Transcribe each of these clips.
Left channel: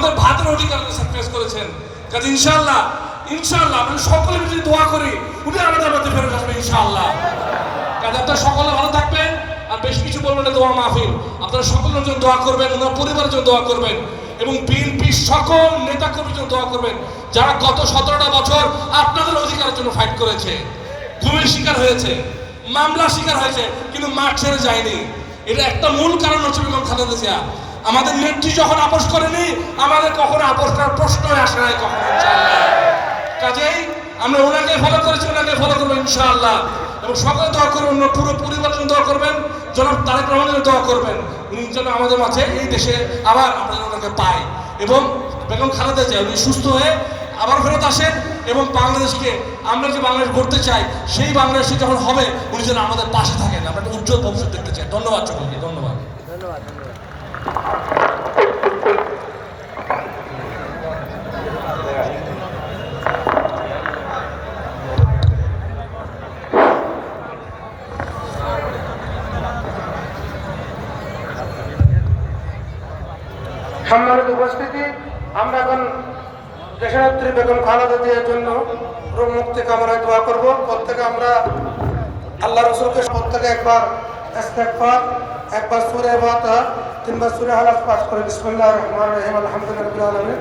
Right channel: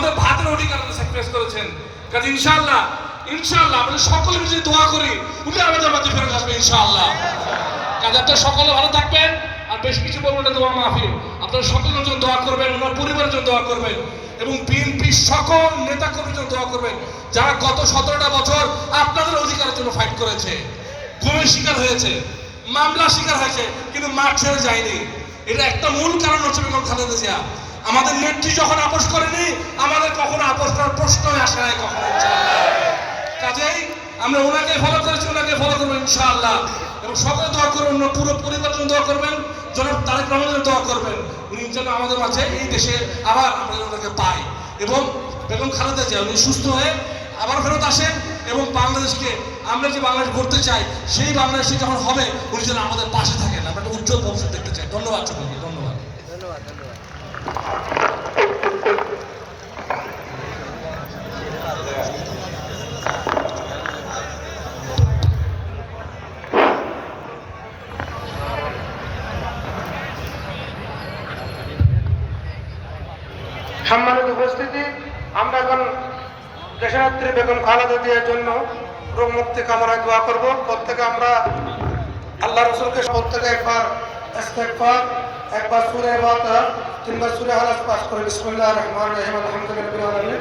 আমাদের ভাতের অধিকার স্যাক্রিফাইস করেছেন। কাজে ইনশাআল্লাহ ইনশাআল্লাহ আমরা সকলে মিলে যদি দোয়া করি উনি আমাদের মধ্যে ফেরত আসবেন ইনশাআল্লাহ। কাজে আপনারা সকলে ভালো থাকবেন। আর বেশ কিছু বলবেন না, দোয়া মাহফিল, আপনারা সকলের জন্য দোয়া করবেন, ওনার পরিবারের জন্য দোয়া করবেন এবং বিএনপির সকল নেতা কর্মীর জন্য দোয়া করবেন যারা গত 17টা বছর আপনাদের অধিকারের জন্য ফাইট করেছে, ঘুমের শিকার হয়েছে, মামলার শিকার হয়েছে, কিন্তু মাঠ ছেড়ে যায়নি। এটা একটা মূল কারণ হচ্ছে বেগম খালেদা জিয়া। আমাদের নেত্রী যখন আপোষ করেনি, আমাদের কখনো আপোষ করার প্রশ্নই আসে নাই কখনো ইনশাআল্লাহ। কাজেই আমরা ওনাকে ফলো করেছি, ওনাকে ফলো করবো ইনশাআল্লাহ। এবং সকলে দোয়া করবেন, পুরো পরিবারের জন্য দোয়া করবেন, জনাব তারেক রহমানের জন্য দোয়া করবেন, উনি যেন আমাদের মাঝে এই দেশে আবার আমরা যেন ওনাকে পাই এবং বেগম খালেদা জিয়া উনি সুস্থ হয়ে আবার ফেরত আসেন এবং বাংলাদেশকে আমরা যে বাংলাদেশ গড়তে চাই সেই বাংলাদেশে যখন হবে উনি যেন আমাদের পাশে থাকেন। আমরা একটা উজ্জ্বল ভবিষ্যৎ দেখতে চাই। ধন্যবাদ সকলকে, ধন্যবাদ। সম্মানিত উপস্থিতি, আমরা এখন দেশনেত্রী বেগম খালেদা জিয়ার জন্য রোগ মুক্তি কামনায় দোয়া করব। প্রত্যেকে আমরা আল্লাহ রসুলকে প্রত্যেকে একবার ইস্তেগফার, একবার সূরা ফাতিহা, তিনবার সূরা ইখলাস পাঠ করে বিসমিল্লাহির রহমানির রহিম আলহামদুলিল্লাহি আলামিন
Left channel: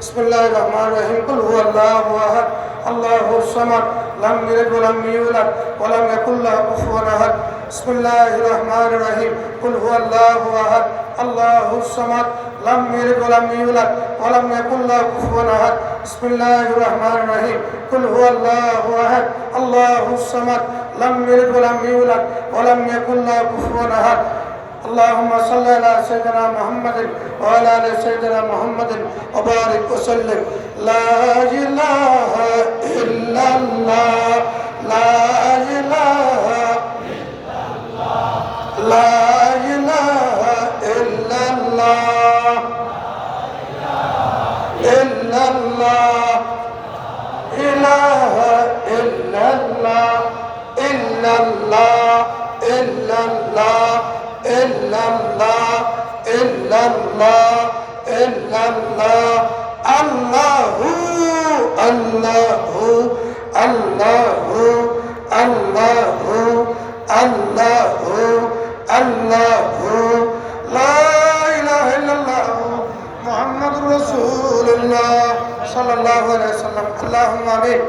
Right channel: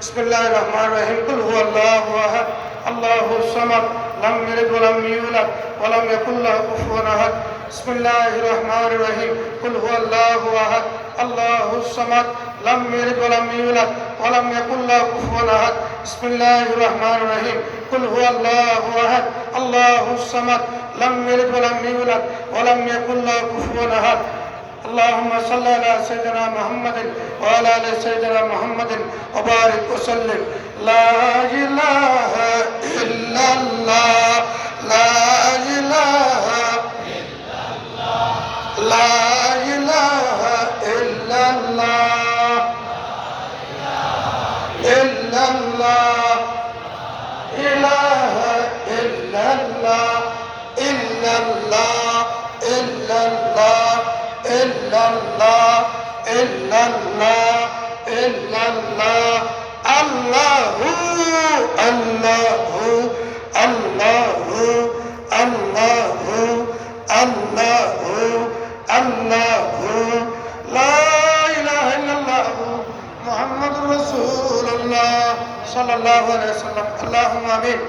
বিসমিল্লাহির রহমানির রহিম কুল হুয়াল্লাহু আহাদ আল্লাহুস সামাদ لم يلد ولم يولد ولم يكن له كفوا احد بسم الله الرحمن الرحيم قل هو الله احد الله الصمد لم يلد ولم يولد ولم يكن له كفوا احد بسم الله الرحمن الرحيم قل هو الله احد الله الصمد لم يلد ولم يولد ولم يكن له كفوا احد اللهم صل على سيدنا محمد وعلى ال سيدنا محمد وبارك وسلم لا اله الا الله لا اله الا الله لا اله الا الله الا الله اله الا الله الا الله الا الله إلا الله إلا الله إلا الله الله الله الله الله الله الله لا إله إلا الله محمد رسول الله صلى الله عليه وسلم اللهم آمين